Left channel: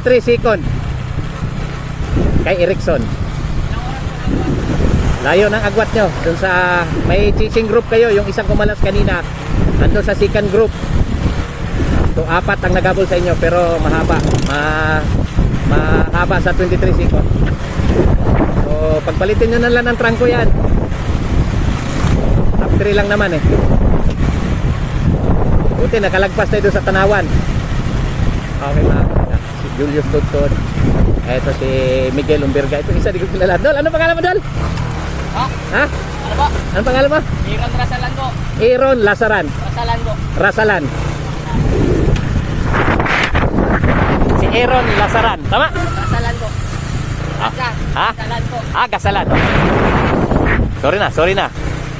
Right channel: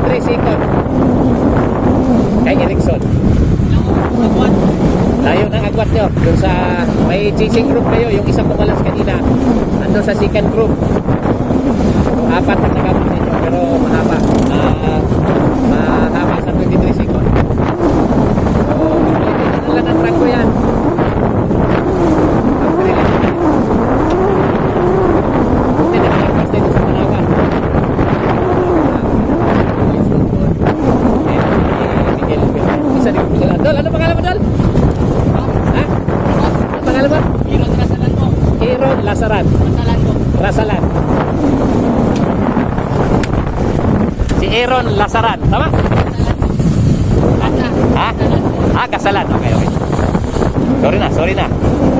23 second. Kay Erickson. Layo ng agwat nyo. Dun sa may chasing group kayo. Yung isang pumalas kanina. Andun sa second group. So, 4 ang nagabol sa inyo. Pero mahaba. Mahaba sa 23 second. So, pagpalitin nyo na lang ng trangko yan. Top 3 lang naman eh. Buti, nakalagpas tayo doon sa Tanawan. Okay, mga kapita. Julius Tuntun. Eto si Miguel Umberca. Isa di ko kilala. Dol, ano pangalan mo, Dol? Ha? Ha? Ano pangalan mo? Iron Rasalando. Aaron Lasaran. Rasalando. Rasalan. Si Aaron Lasaran. Tama? Rasalando. Ha? Rasalando. Gasalan. Okay. Sorry na.